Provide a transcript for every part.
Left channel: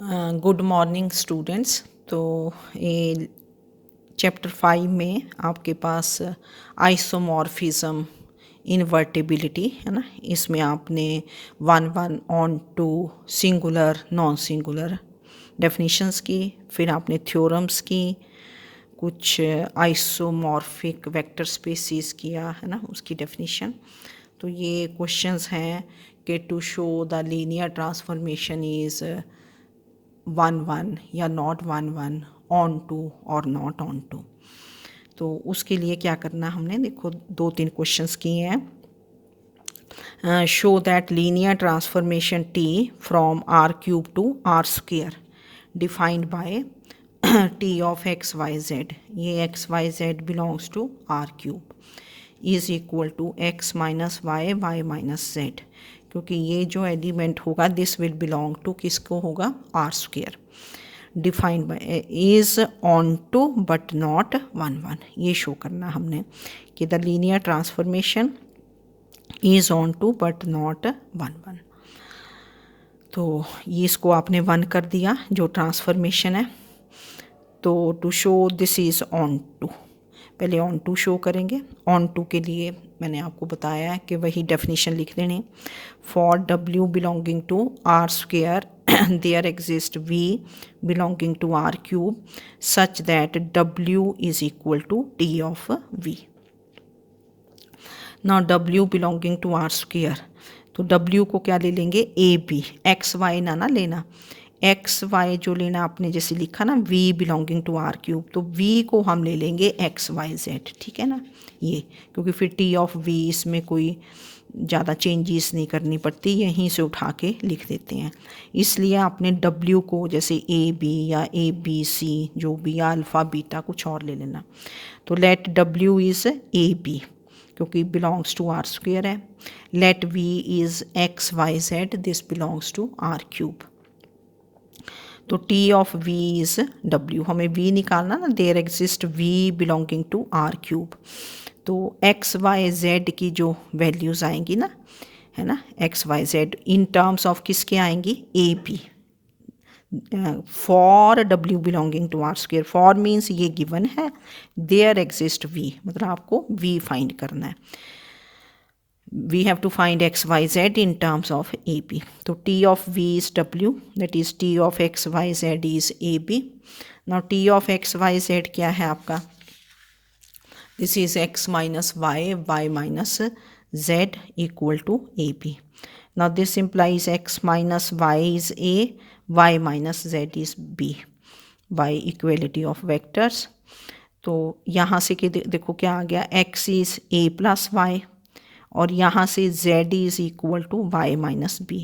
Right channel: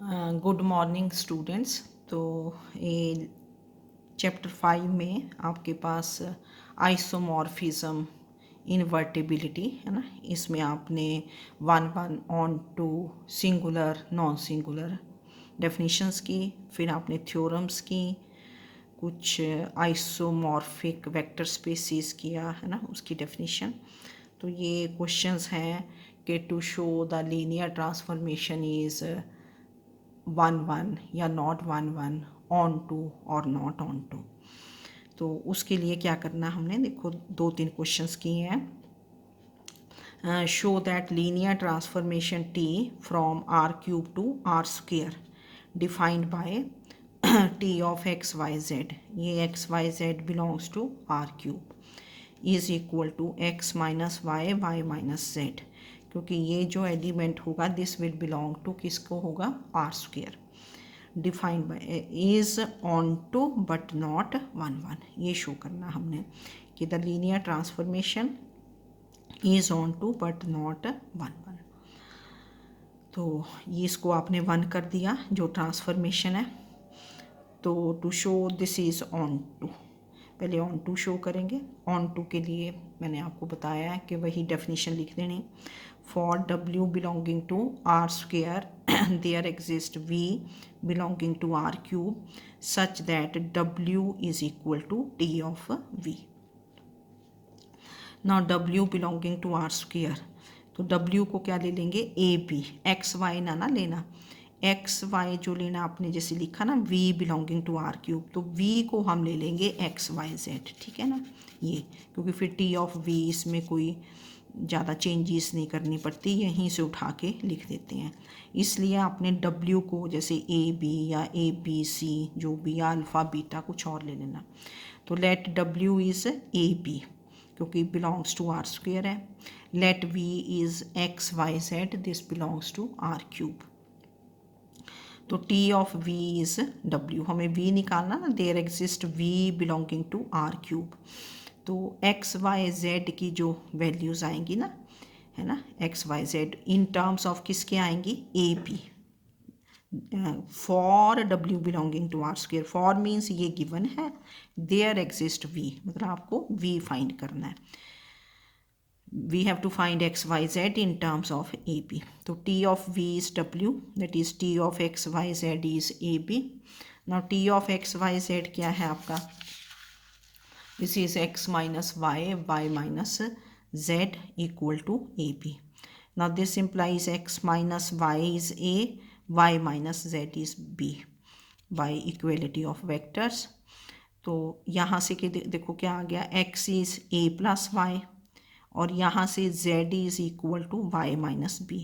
Good morning students. तो ये chapter 5 में आपके पास आइसोमॉर्फिज्म इन्वर्टिबिलिटी है ना, इसमें आपने 1 on 2 singular non singular definitions की, फिर आपने थ्योरम्स की, कुछ आइसोमॉर्फिक वेक्टर स्पेसिस किया है ना, उसकी डेफिनेशन। तो ये क्वेश्चंस हैं कि to show the linear transformation is 1 1 या नॉट 1 1 ऑन टू और नॉट ऑन टू। तो उसके लिए क्या करना हमने, देखो 2-3 क्वेश्चंस किए हैं। Show that linear transformation T from R cube to R square defined by T of x Y Z, ये X Y Z belongs to R cube is equal to X minus Y Y minus Z, क्योंकि ये जो element होगा this will belong to किसको होगा, R square. Defined by is onto but not 1 1, ये show करना हमने कि the linear transformation is onto but not 1 1। तो ये इसको आपने 1 कर दिया जो ट्रांसफॉर्मेशन है। तो to show this is onto, पहले ऑन टू शो करेंगे। ऑन टू के लिए मैंने आपको बताया है कि वही डेफिनेशन लिख देनी। For W belonging to R square there exist V belonging to R cube such that W is equal to T of V. Now W belonging to R square, तो डब्ल्यू को क्या ले लेंगे, ए बी, एक्स वाई ना लेना, x Y जो लेना आपने जैसे लिखा ना V belonging to R cube, तो वी को हम ले लेंगे एक्स वाई जेड, ठीक है ना, ये क्योंकि फिर टी ऑफ वी इसमें कोई ज़्यादा चेंजेस नहीं करनी पड़ती, यहीं से उठा के लिख देते हैं। इसलिए आपने डब्ल्यू को जैसे ए बी या ए बी सी जो भी या अल्फ़ा बीटा कुछ और ले लेना। तो let W is A B क्योंकि बिलोंग्स टू आर स्क्वेयर है। Let V is x Y Z, this belongs to R cube. तो T of V is W, हमें वी निकालना ना, there exist V belonging to R cube. तो X Y Z की जो values आएंगी ना, है ना, X Y Z in terms of किसके आएंगी, A P. For W belonging to R square, for means ये गिवन है, देयर एग्जिस्ट वी मतलब आपको वी फाइंड करना है। we have to find x y z in terms of ab. So t of v is w, that is t of x y z is ab. Now t of x y z क्या है आपका, this is x minus y, y minus z equal to ab. Now this implies x minus y is a, y minus z is b by equality of vectors. तो यहाँ से कि देखो क्या आ गया, x is a plus y और यहाँ से z is equal to Y minus B,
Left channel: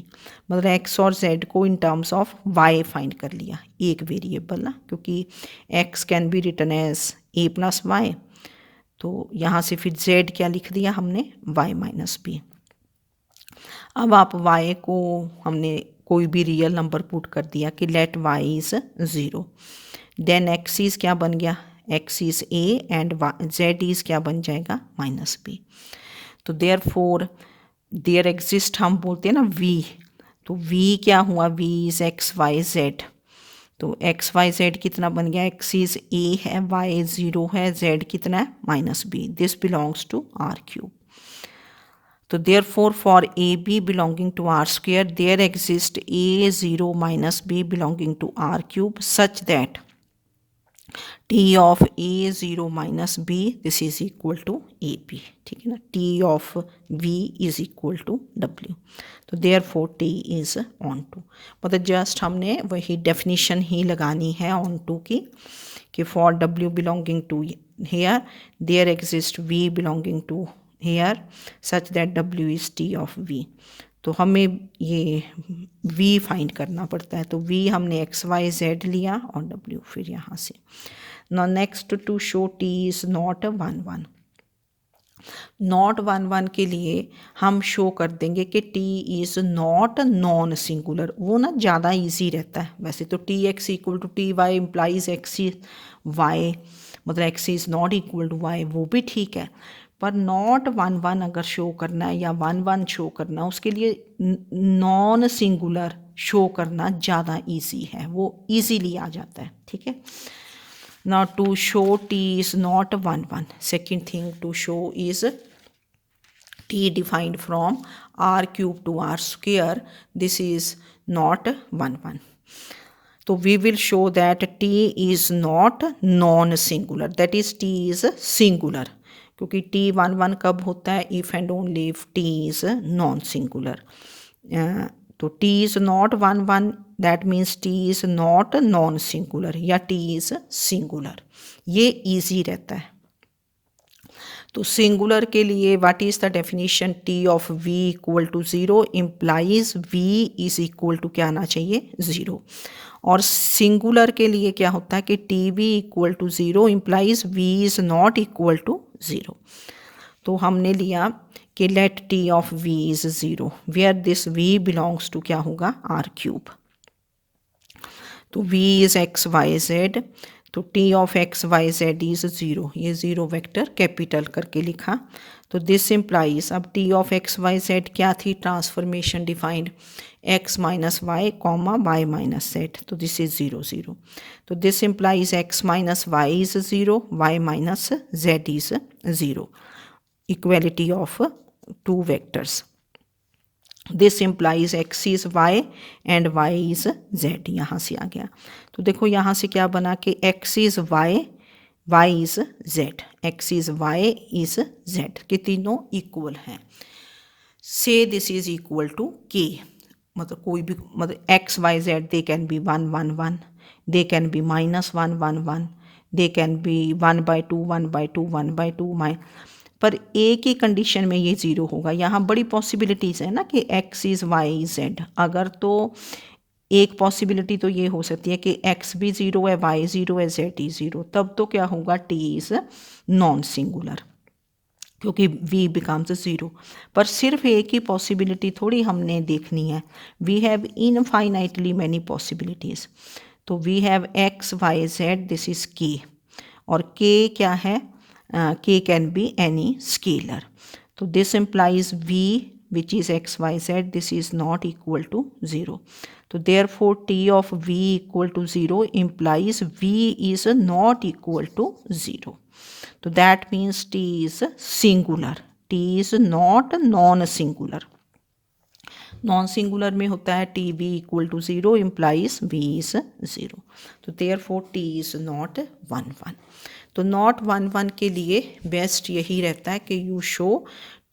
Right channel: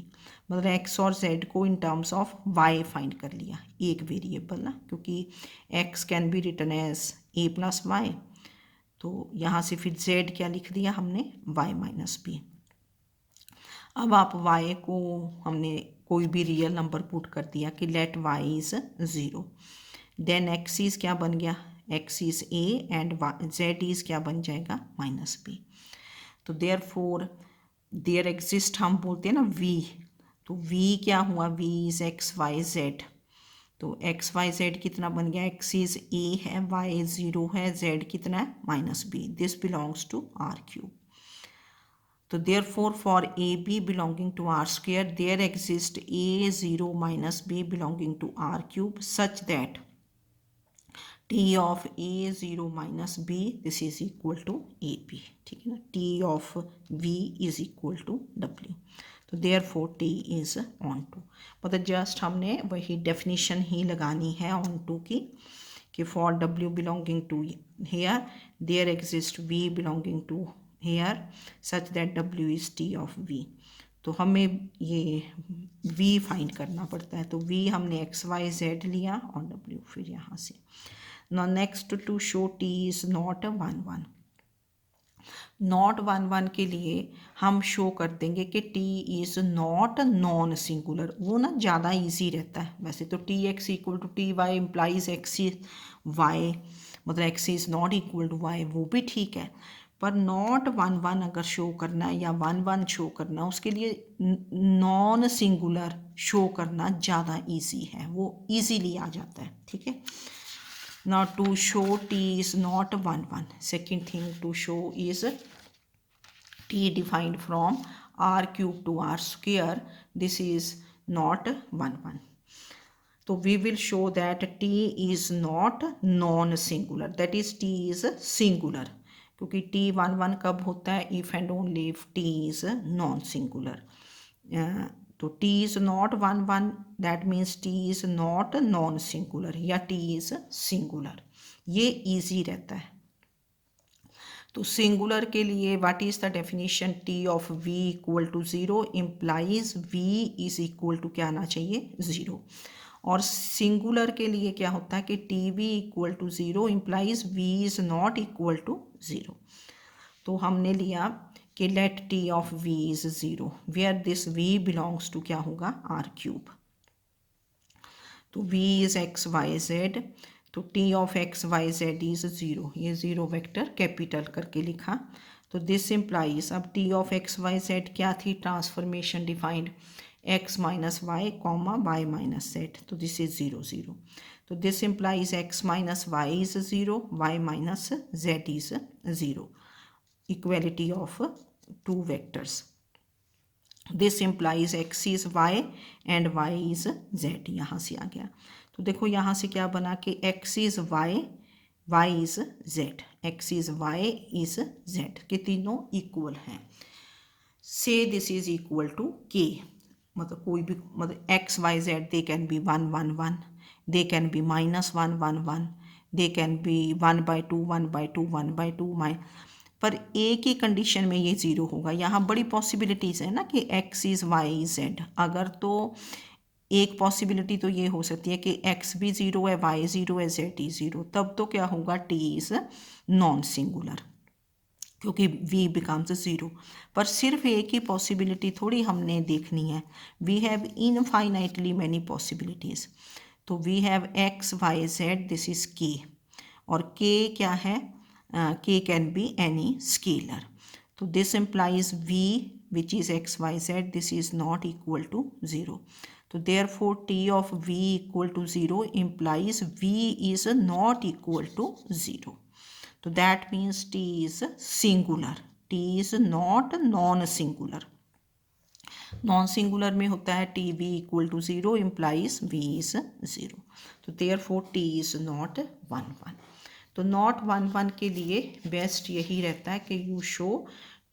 मतलब x और z को in terms of y find कर लिया, एक वेरिएबल ना, क्योंकि x can be written as a plus Y. तो यहाँ से फिर z क्या लिख दिया हमने, y माइनस बी। अब आप y को हमने कोई भी रियल नंबर पुट कर दिया कि let y is 0, then x is क्या बन गया, x is a and z is क्या बन जाएगा, माइनस बी। तो देयर फोर देयर एग्जिस्ट हम बोलते हैं ना v, तो v क्या हुआ, v is x Y Z. तो एक्स वाई जेड कितना बन गया, x इज़ a है, y 0 है, z कितना है, minus B, this belongs to R cube. तो therefore for A B belonging to R square there exist a 0 minus b belonging to R cube such that T of A 0 minus B this is equal to A P, ठीक है ना, t of V is equal to W. तो therefore T is onto, मतलब just हमने वही definition ही लगानी है on to की कि for W belonging to here there exist V belonging to here such that W is T of V. तो हमें ये v फाइंड करना पड़ता है, तो v हमने एक्स वाई जेड लिया और w फिर यहाँ से। Now next to show t is not 1 1, not 1 1 के लिए हम शो कर देंगे कि t is not non singular, वो ना ज़्यादा इजी रहता है। वैसे तो T X equal to T Y implies X Y, मतलब X is not equal to Y, वो भी ठीक है, पर नॉट 1 1 अगर शो करना है या 1 1 शो करना है, उसके लिए नॉन सिंगुलर शो करना ज़्यादा इजी है, वो इजीली आ जाता है, ठीक है। Now to show t is not 1 1, second thing to show is t defined from r cube to r square, this is not 1 1. तो we will show that t is not non singular, that is t is singular, क्योंकि t 1 1 कब होता है, if and only if t is non singular. तो t is not 1 1, that means t is not non singular या t is singular, ये easy रहता है। तो सिंगुलर के लिए what is the definition, T of V equal to 0 implies V is equal to क्या आना चाहिए, 0। और सिंगुलर के लिए क्या होता है कि T we equal to 0 implies V is not equal to 0। तो हमने लिया कि let T of V is 0 where this V belongs to क्या होगा, आर क्यूब। तो v is x Y Z, तो t of x Y Z is 0, ये 0 vector capital करके लिखा। तो दिस इम्प्लाइज, अब t of x Y Z क्या थी, transformation defined x minus Y comma Y minus Z, तो दिस इज़ 0 0। तो this implies x minus Y is 0, Y minus Z is 0, equality of two vectors. This implies X is Y and Y is Z, यहाँ से आ गया। तो देखो यहाँ से क्या बना कि X is Y, Y is Z, X is Y is Z, कि तीनों इक्वल हैं। से दिस इज़ इक्वल टू के, मतलब कोई भी, मतलब X Y Z they can be 1 1 1, they can be -1 1 1, they can be 1/2 1/2 1/2 पर एक ही कंडीशन में ये 0 होगा। यहाँ बड़ी पॉसिबिलिटीज़ है ना कि x इज़ वाई जेड, अगर तो एक पॉसिबिलिटी तो ये हो सकती है कि x भी 0 है, y 0 है, z ही 0, तब तो क्या होगा, t इज़ नॉन सिंगुलर, क्योंकि v बिकम्स 0। पर सिर्फ एक ही पॉसिबिलिटी थोड़ी हमने देखनी है, we have infinitely many possibilities. तो we have x y z, this is k, और k क्या है, k can be any scalar. So this implies v which is x y z, this is not equal to 0. So therefore t of v equal to 0 implies v is not equal to 0. So that means t is singular, t is not non-singular. Non singular में होता है T we equal to 0 implies V is 0, तो therefore T is not 1 1। तो not 1 1 के लिए best यही रहता है कि you show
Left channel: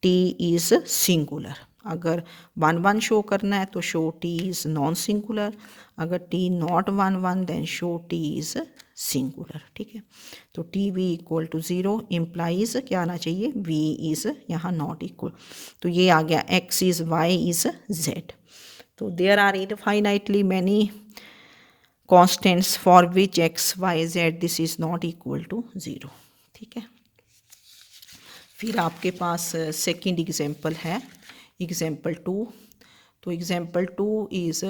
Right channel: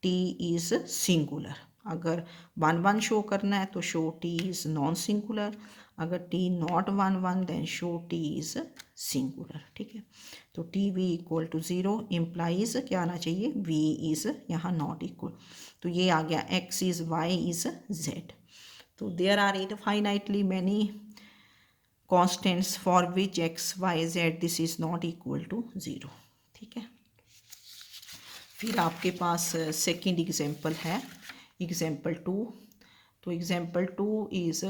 T is singular. अगर 1 1 शो करना है तो show T is non singular, अगर T not 1 1 then show T is singular, ठीक है। तो T V equal to 0 implies क्या आना चाहिए, वी इज़ यहाँ नॉट इक्वल, तो ये आ गया X is Y is Z. तो there are infinitely many constants for which X Y Z this is not equal to 0, ठीक है। फिर आपके पास सेकेंड एग्जाम्पल है, एग्जाम्पल 2। तो example 2 is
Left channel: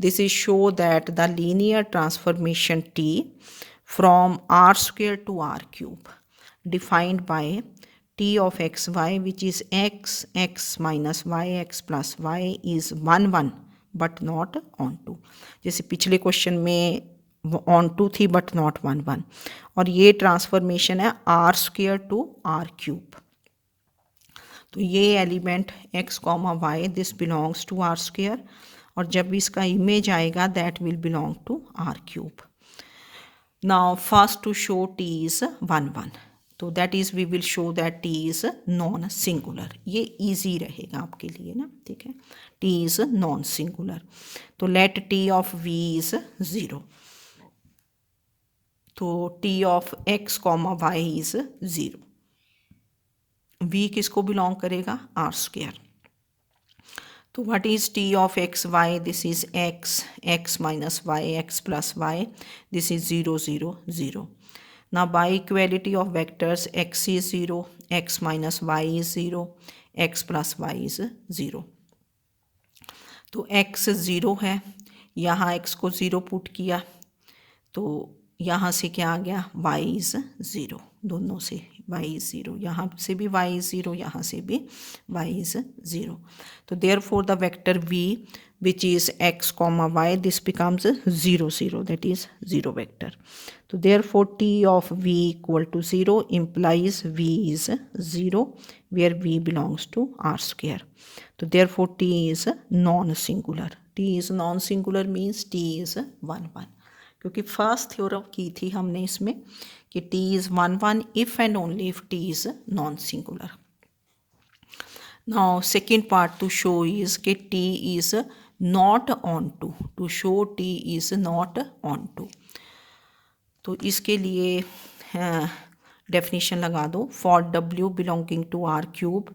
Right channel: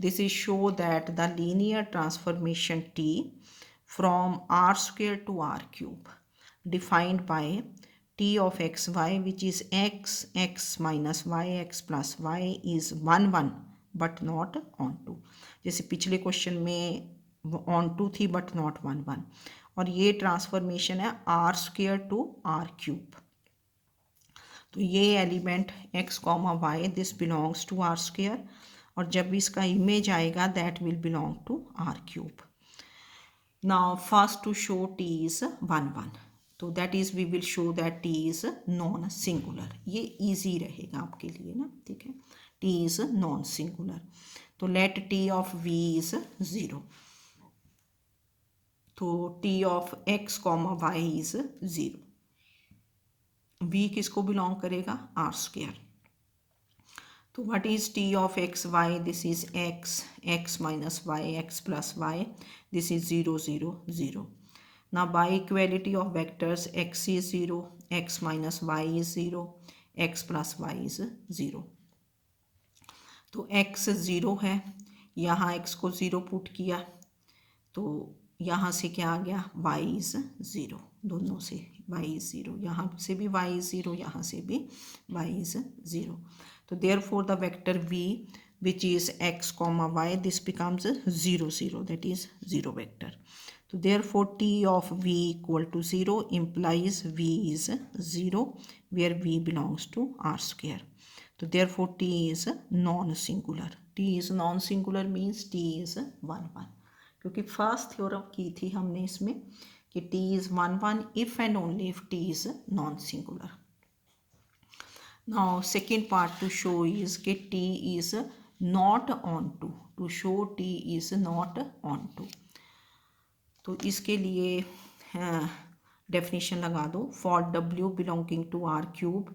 this is show that the linear transformation T from r square to r cube defined by t of x y which is x x minus y x plus y is 1 1 but not onto, जैसे पिछले question में onto थी but not 1 1, और ये transformation है r square to r cube। तो ये element x comma Y this belongs to r square, और जब इसका इमेज आएगा that will belong to r cube। Now first to show t is 1 1, तो that is we will show that t is non singular, ये easy रहेगा आपके लिए ना, ठीक है। t is non singular, तो let t of v is 0, तो t of x comma y is 0, v किसको बिलोंग करेगा, r स्क्वायर। तो what is t of x y, this is x x minus y x plus y, this is 0 0 0। now by equality of vectors x is 0, x minus y is 0, x plus y is 0। तो x 0 है, यहाँ x को 0 put किया तो यहाँ से क्या आ गया, y is 0, दोनों से y इज़ 0, यहाँ से भी y इज़ 0, यहाँ से भी y इज़ 0. तो therefore the vector v which is x comma y, this becomes 0 0, that is 0 vector. So therefore t of v equal to 0 implies v is 0 where v belongs to r square. So therefore t is non-singular. t is non-singular means t is 1 1, क्योंकि first theorem की थी हमने इसमें कि t is 1 1 if and only if t is non-singular. Now second part to show is कि t is not onto, to show t is not onto. तो इसके लिए डेफिनेशन लगा दो. For w belonging to r cube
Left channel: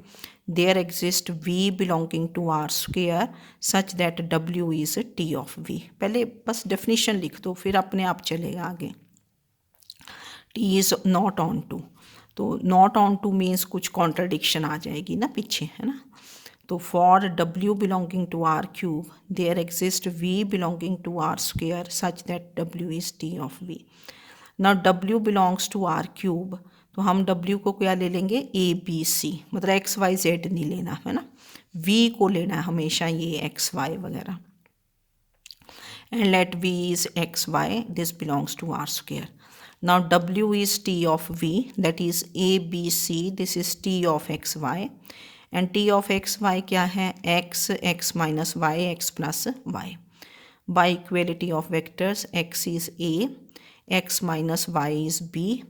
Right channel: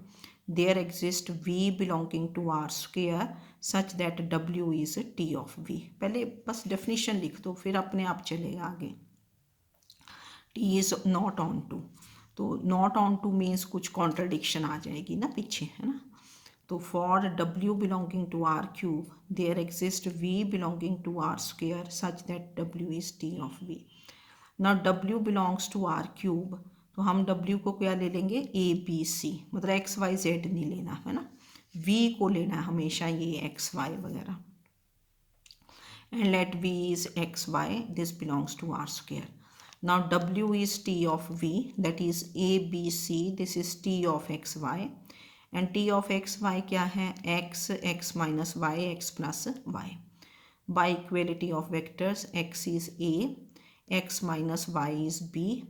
there exist v belonging to r square such that w is t of v. पहले बस definition लिख दो, फिर अपने आप चलेगा आगे. t is not onto, तो नॉट ऑन टू मीन्स कुछ कॉन्ट्राडिक्शन आ जाएगी ना पीछे, है ना. तो for w belonging to r cube there exist v belonging to r square such that w is t of v. ना w belongs to r cube, तो हम w को क्या ले लेंगे, a b c, मतलब x y z नहीं लेना है ना, v को लेना है हमेशा, ये x y वगैरह. And let v is x y, this belongs to r square. Now w is t of v, that is a b c, this is t of x y. And t of x y क्या है, x minus y, x plus y. By equality of vectors x is a, x minus Y is b,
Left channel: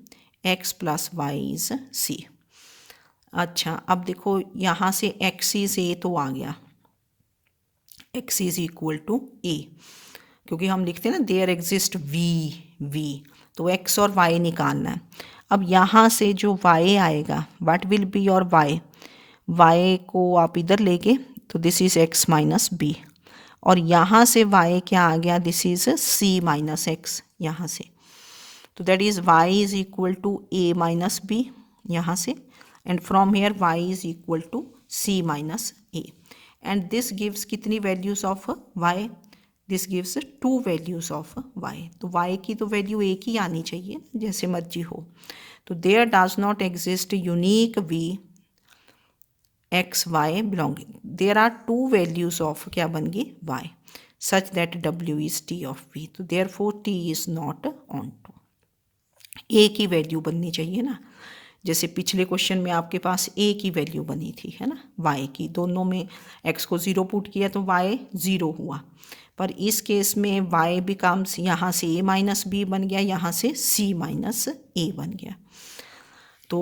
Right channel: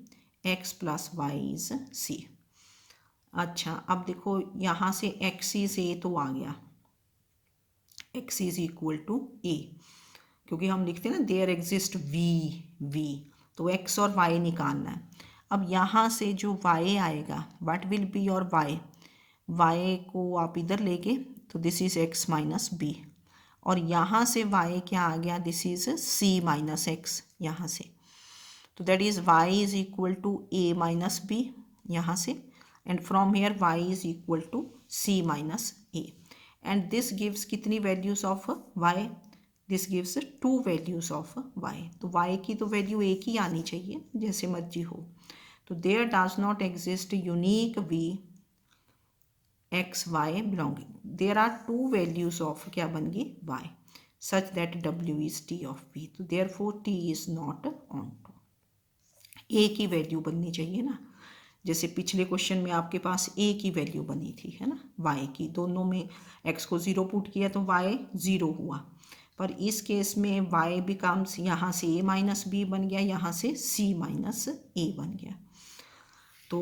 x plus y is c. अच्छा, अब देखो यहाँ से x is a तो आ गया, x is equal to ए, क्योंकि हम लिखते हैं ना देयर एग्जिस्ट v, तो x और y निकालना है. अब यहाँ से जो y आएगा, what will be your y को आप इधर लेके, तो this is x minus B, और यहाँ से y क्या आ गया, this is c minus x यहाँ से. तो that is y is equal to a minus B यहाँ से, and from here y is equal to c minus a. And this gives कितनी values of y, this gives 2 values of y. तो y की तो value एक ही आनी चाहिए, जैसे मर्जी हो. तो there does not exist unique v x y belonging, there are 2 values of क्या बन गई y, such that w is t of v. तो therefore t is not onto. A की वैल्यू बननी चाहिए ना, जैसे पिछले क्वेश्चन में आपके पास ए की वैल्यू बनी थी, है ना, वाई की. दोनों में एक्स को 0 पुट किया तो वाई 0 हुआ, पर इस केस में वाई बिकम्स, यहाँ से ए माइनस बी बन गया, यहाँ से सी माइनस ए बन गया. तो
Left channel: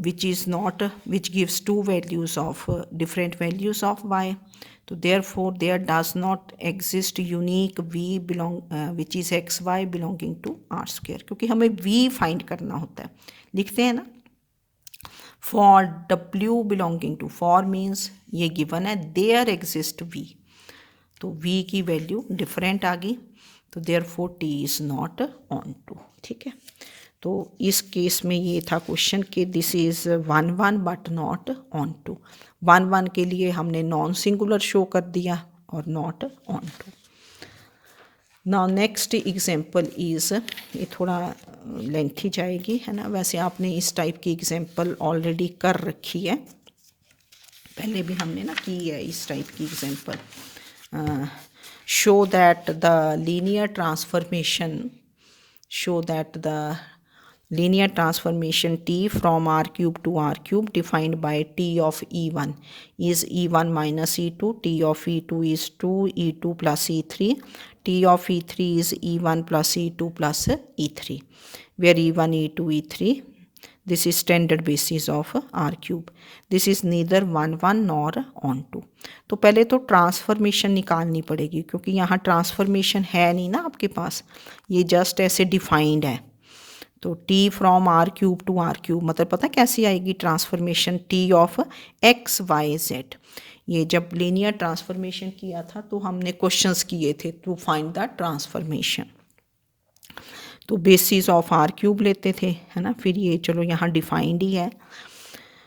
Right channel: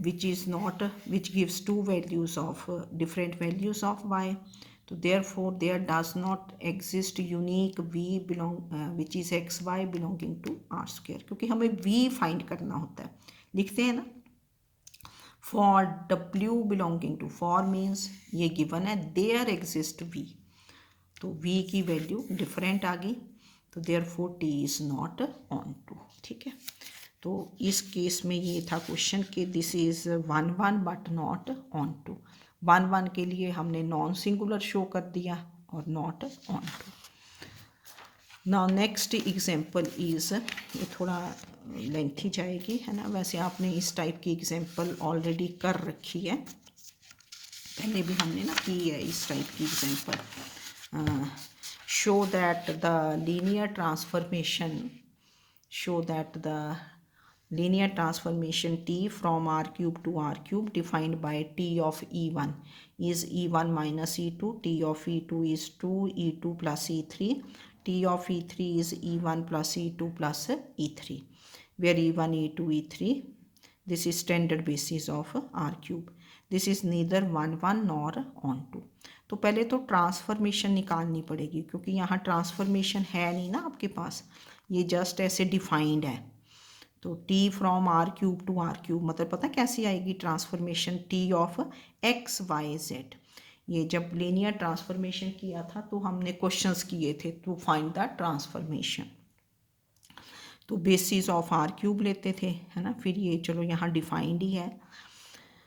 which is not, which gives 2 values of different values of Y. तो therefore there does not exist unique v belong which is x y belonging to r square, क्योंकि हमें v फाइंड करना होता है. लिखते हैं ना, for w belonging to, for means ये गिवन है, देयर एग्जिस्ट v, तो v की वैल्यू डिफरेंट आ गई, तो therefore t is not onto. ठीक है, तो इस केस में ये था क्वेश्चन कि this is 1 1 but not onto. 1 1 के लिए हमने नॉन सिंगुलर शो कर दिया और not onto. Now next example is, ये थोड़ा लेंथी जाएगी, है ना, वैसे आपने इस टाइप की एग्जांपल ऑलरेडी कर रखी है, पहले भी हमने ना की है इस टाइप की example. Show that the linear transformation, show that the linear transformation t from r cube to r cube defined by t of e1 is e1 minus e2, t of e2 is 2 e2 plus e3, t of e3 is e1 plus e2 plus e3, where e1 e2 e3, this is standard basis of r cube. This is neither 1 1 nor on 2. तो पहले तो transformation निकालनी पड़ेगी, क्योंकि यहाँ transformation है नहीं ना आपके पास, ये जस्ट ऐसे डिफाइंड है. तो t from r cube to r cube, मतलब पता कैसी आएगी transformation, t of x y z. ये जब लीनियर ट्रांसफॉर्मेशन किया था तो हमने क्वेश्चंस किए थे टू फाइंड द ट्रांसफॉर्मेशन, तो बेसिस ऑफ r क्यूब लेते थे, है ना. फिर ये चलो यहाँ डिफाइंड ही है.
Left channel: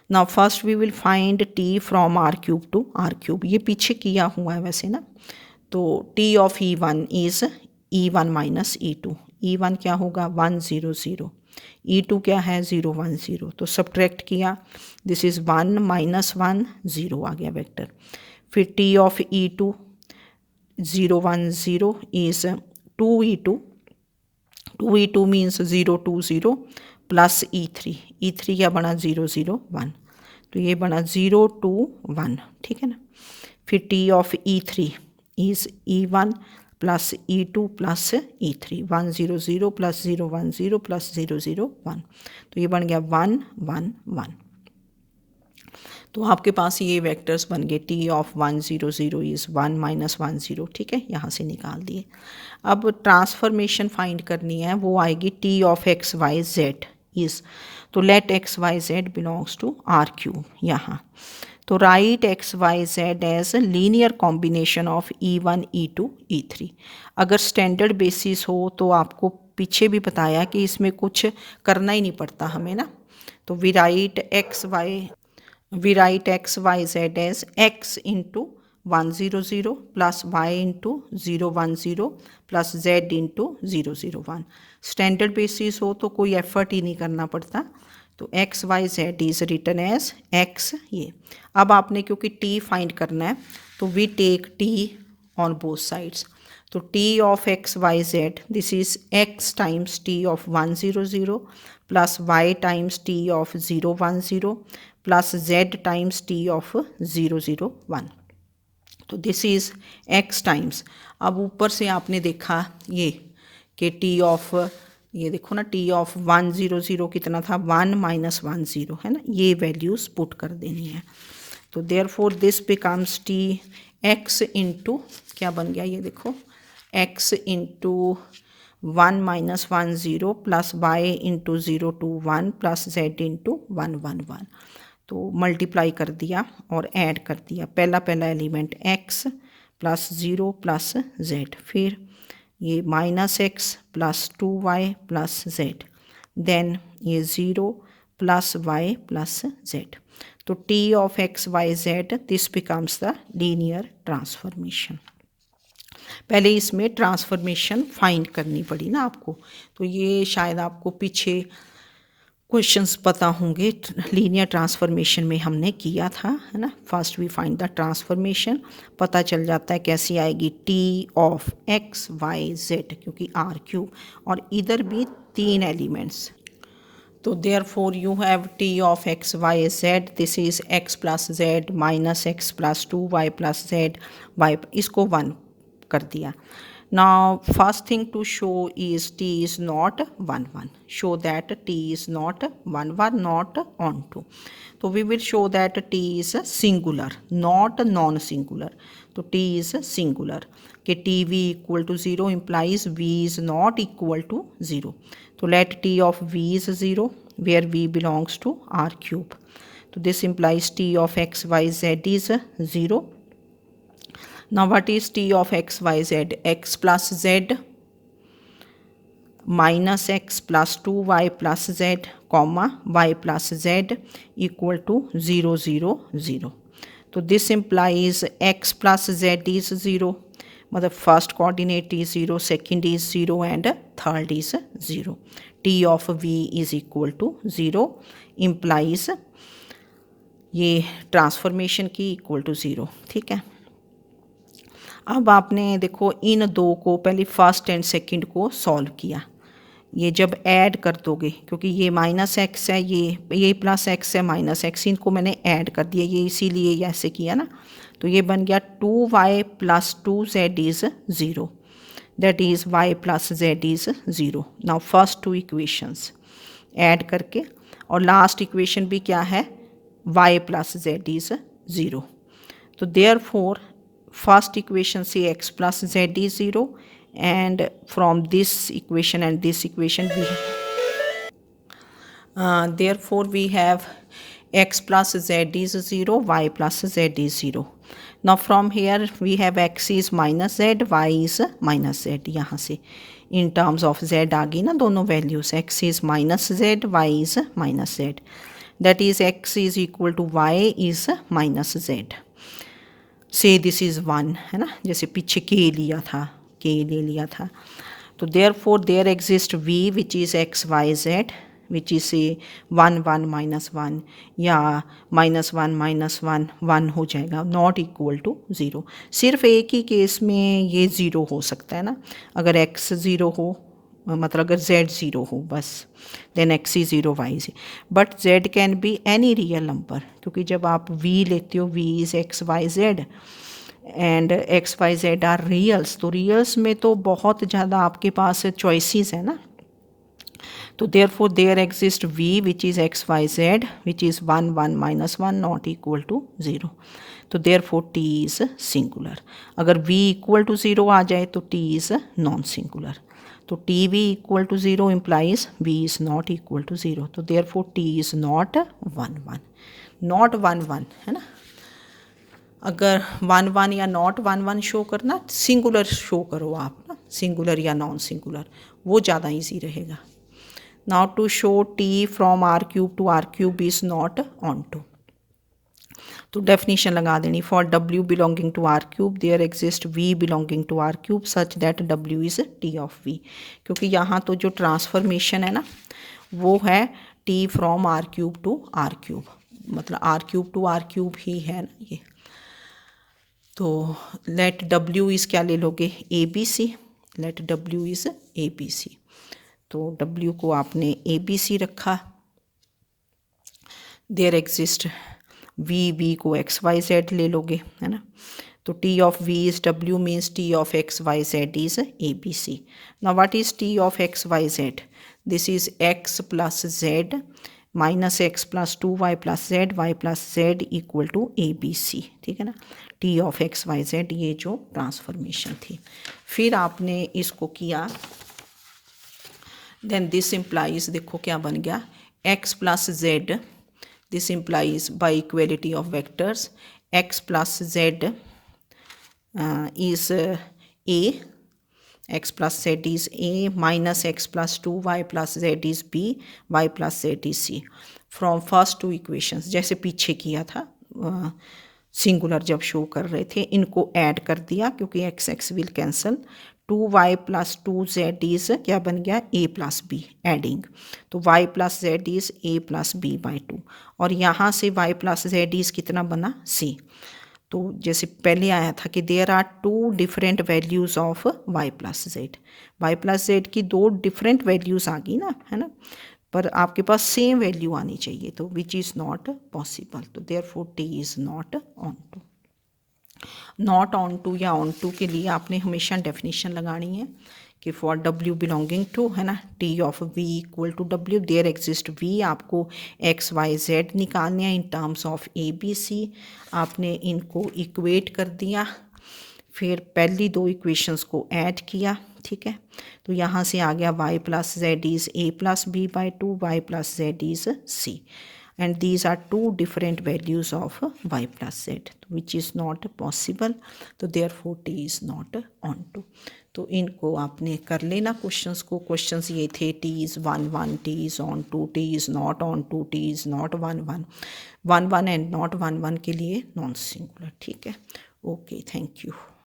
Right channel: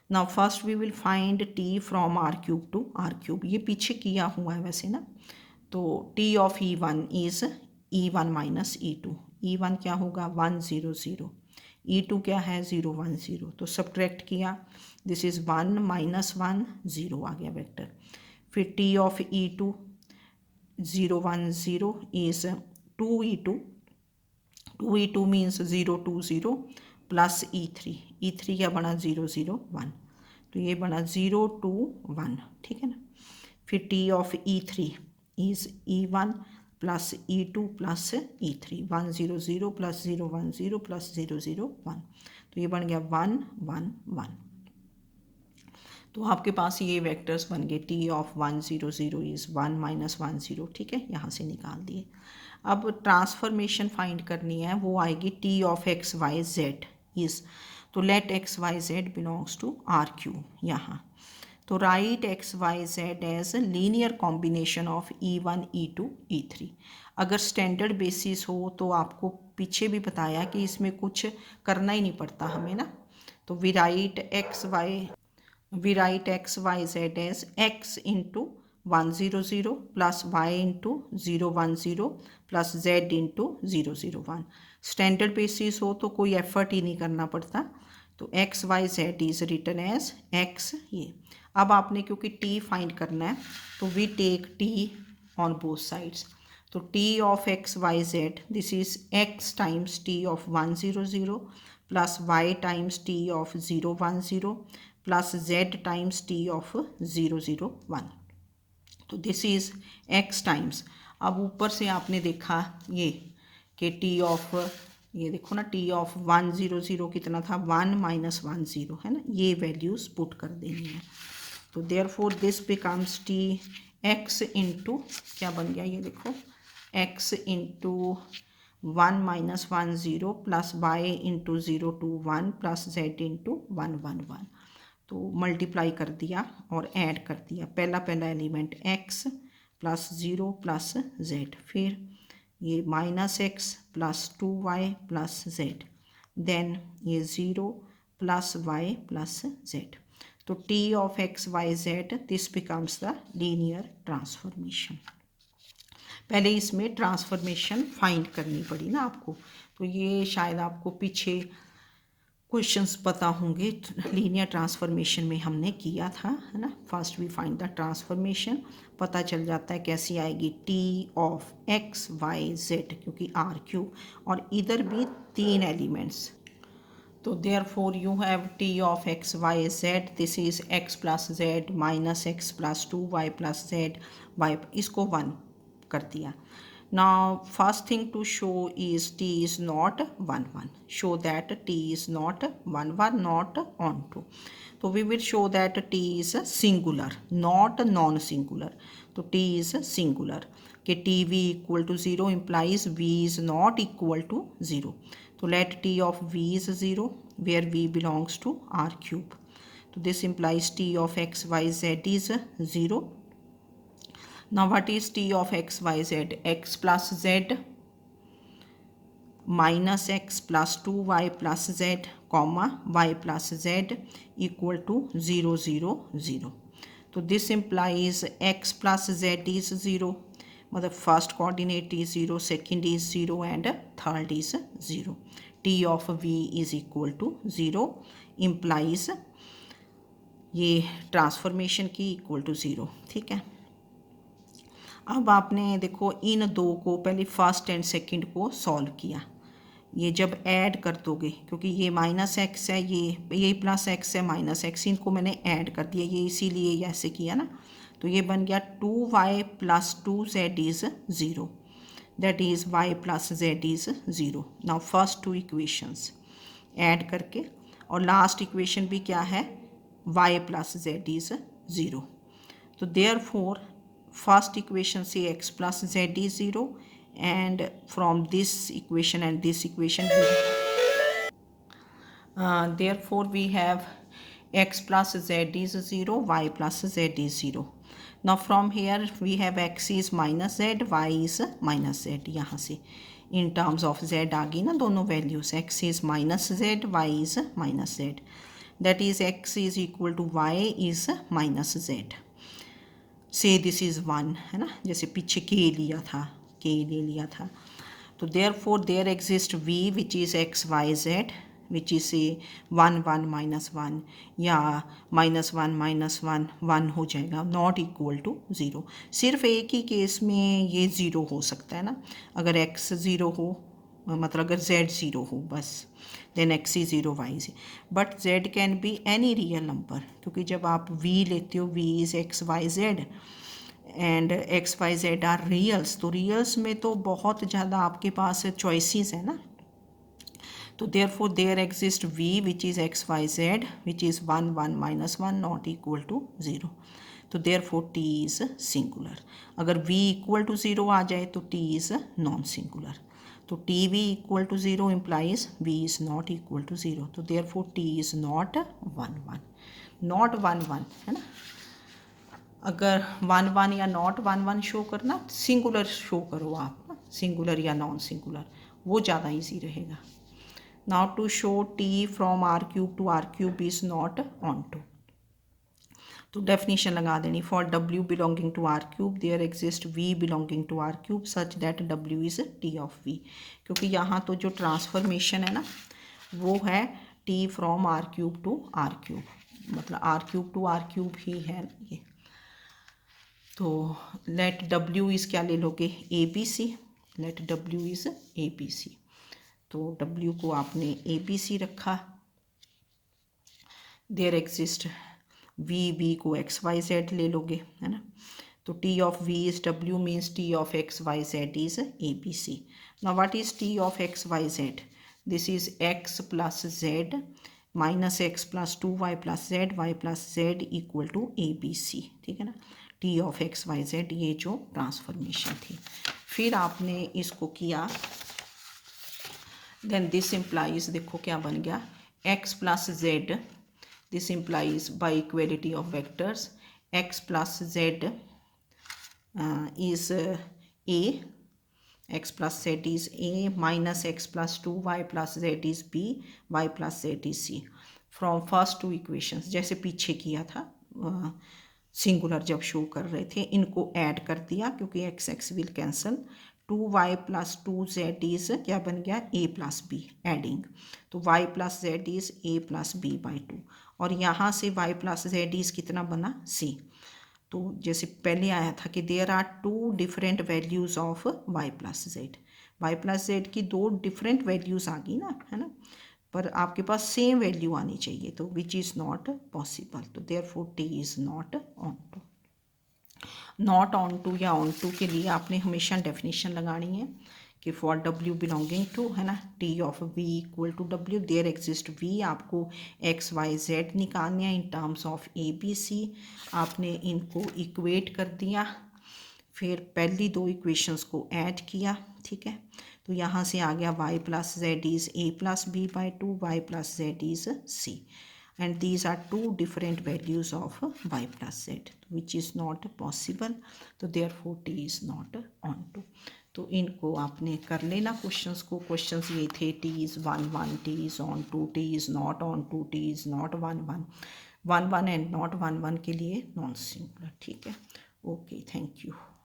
Now first we will find t from r cube to r cube, ये पीछे किया हुआ है वैसे ना. तो t of e1 is e1 minus e2, e1 क्या होगा 1 0 0, E2 क्या है 0 1 0, तो सब्ट्रैक्ट किया, दिस इज़ 1 माइनस 1 0 आ गया वेक्टर। फिर T of E2 0 1 0 is 2E2, 2E2 means 0 2 0 plus E3, E3 क्या बना 0 0 1, तो ये बना 0 2 1, ठीक है ना। फिर T of E3 is E1 plus E2 plus E3, 1 0 0 plus 0 1 0 plus 0 0 1, तो ये बन गया 1 1 1। तो आपके पास ये वेक्टर्स बन गए, T ऑफ 1 0 0 इज़ 1 माइनस 1 0, ठीक है, यहाँ से निकाल दिए। अब ट्रांसफॉर्मेशन फाइंड करनी है, वो आएगी T of x Y Z is, तो let X Y Z belongs to R cube यहाँ, तो write X Y Z as linear combination of E1 E2 E3। अगर स्टैंडर्ड बेसिस हो तो आपको पीछे भी बताया कि इसमें कुछ करना ही नहीं पड़ता हमें ना, तो we write X Y Z as x into 1 0 0 plus Y into 0 1 0 plus z into 0 0 1। Standard basis हो तो कोई एफर्ट ही नहीं करना पड़ता, तो X Y Z is written as x ये। अब आपने क्योंकि t फाइंड करना है तो we take t on both sides, तो t of x Y Z this is x times t of 1 0 0 plus y times t of 0 1 0 plus z times t of 0 0 1, तो this is x times. अब ऊपर से आपने देखा ये कि t of, ये देखो ना, t ऑफ 1 0 0 कितना था 1 माइनस 1 0 है ना, ये वैल्यूज़ पुट कर देनी है, तो therefore this becomes t x into क्या बन गया, ये देखो x into 1 minus 1 0 plus Y into 0 2 1 plus z into 1 1 1, तो मल्टीप्लाई कर दिया और ऐड कर दिया, पहला element x plus 0 plus z, फिर ये minus x plus 2y plus z, then ये 0 प्लस y प्लस z, तो t of x Y Z this becomes the linear transformation. पहले इसमें ट्रांसफॉर्मेशन फाइंड करनी पड़ी ना आपको, तो ये शायद आपको पीछे क्वेश्चंस पता होंगे, लीनियर ट्रांसफॉर्मेशन में हमने किया था, है ना। First we find the transformation, पता चल जाता है कैसी आएगी, T of x Y Z, क्योंकि आर क्यूब और इधर भी 3 एलिमेंट्स, तो therefore you have T of x Y Z, this is X plus Z minus x plus 2y plus Z Y, इसको 1 कर दिया। Now first thing to show is t is not 1 1, show that t is not 1 1 not on 2, so we will show that t is singular not non singular, so t is singular कि tv equal to 0 implies v is not equal to 0, so let t of v is 0 where v belongs to r cube, so this implies t of x y z is 0. Now what is t of x y z? X plus z minus x plus 2y plus z comma y plus z equal to 0 0 0. So this implies x plus z is 0. मतलब first coordinate is 0, second is 0 and third is 0. t of v is equal to 0 implies ये transformation की equal to 0, ठीक है। अब आपने देखो इन दो को पहले फर्स्ट एंड सेकंड को सॉल्व किया, ये जब ऐड कर दोगे, क्योंकि ये माइनस एक्स है, ये प्लस एक्स है माइनस एक्स, इनको मैंने ऐड कर दिया, ये इसीलिए ऐसे किया ना, तो ये बन गया 2y plus 2z is 0, that is y plus z is 0। Now first 2 equations add करके, और लास्ट इक्वेशन भी क्या है, y प्लस z इज़ 0, तो therefore first equation say x plus z is 0, and from this equation and this equation we therefore we have x plus z is 0, y plus z is 0. Now from here we have x is minus z, y is minus z, यहाँ से in terms of z आ गई ना दोनों values, x is minus z, y is minus z, that is x is equal to y is minus z, से this is 1 है ना, जैसे पीछे के लिया था, के ले लिया था, तो therefore there exist v which is x Y Z, which is से 1 1 -1 या -1 1 हो जाएगा, नॉट इक्वल टू 0। सिर्फ एक ही केस में ये 0 हो सकता है ना, अगर x 0 हो, मतलब अगर z 0 हो बस, then x is 0 y is, but z can be any real number, क्योंकि जब आप v लेते हो v is x y z and x Y z are reals, तो रियल्स में तो बहुत ज़्यादा आपके पास चॉइसेस है ना। तो therefore there exist v which is x Y Z which is 1 1 -1 not equal to 0। तो therefore t is singular. अगर v इक्वल टू 0 आ जाए तो t इज़ नॉन सिंगुलर। तो T V equal to 0 implies v is not equal to 0। तो therefore t is not 1 1, not 1 1 है ना। अगर 1 1 या नॉट 1 1 शो करना, सिंगुलर शो करो आप ना, सिंगुलर या नॉन सिंगुलर, वो ज़्यादा इजी रहेगा। Now to show t from r cube to r cube is not onto, तो डेफिनेशन लगा देनी, for w belonging to r cube there exist v belonging to r cube such that w is t of v, क्योंकि यहाँ तो जो transformation है ना वो है t from r cube to r cube, मतलब r cube to r cube ही है ना ये। तो लेट w इज़ क्या ले लोगे, A B C, let w is A B C, तो w को आपने ए बी सी रखा। देयर एग्जिस्ट v को एक्स वाई जेड ले लोगे है ना, तो t of v is w means t of x Y Z is A B C. Now what is t of x Y Z, this is x plus z minus x plus 2y plus Z y plus Z equal to A B C, ठीक है ना। T of x Y Z, ये जो transformation थी, फिर आपने इसको किया, देन दिस इम्प्लाइज, देखो क्या बन गया, x plus Z, this implies by equality of vectors x plus Z is a, x plus z is a minus x plus 2y plus z is b, y plus z is c from first two equations, जैसे पीछे किया था singular जब show कर रहे थे, इनको add कर दिया क्योंकि x x will cancel, 2y plus 2z is क्या बन गया, a प्लस बी एडिंग, तो y plus z is a plus b by 2, और यहाँ से y प्लस जेड इज़ कितना बना c। तो जैसे पहले आया था कि there are two different values of y plus Z, y plus z की दो डिफरेंट वैल्यूज़ आ गई ना, है ना, पर आपके पास सेम वैल्यू आनी चाहिए, तो विच इज़ नॉट पॉसिबल, तो therefore T is not onto. Not onto या ऑन टू के लिए आपने हमेशा डेफिनेशन लगानी है कि फॉर w बिलोंगिंग टू, है ना, t of v equal to w, there exist v, आपको x y z निकालने हैं in terms of A B C, आपने इनको इक्वेट कर दिया, फिर पहली दो इक्वेशंस को ऐड किया, ठीक है, तो यहाँ से आ गया y plus z is a plus b by 2, y plus z is c, and these are two different values of y plus z, which is not possible, तो therefore t is not on to। तो इनको आपने कर लेना questions को, questions ये थे t is 1 1, t is on to, t is not on to, t is not 1 1, 1 1 and not 1 1 के लिए नॉन सिंगुलर, ठीक है। Okay, thank you.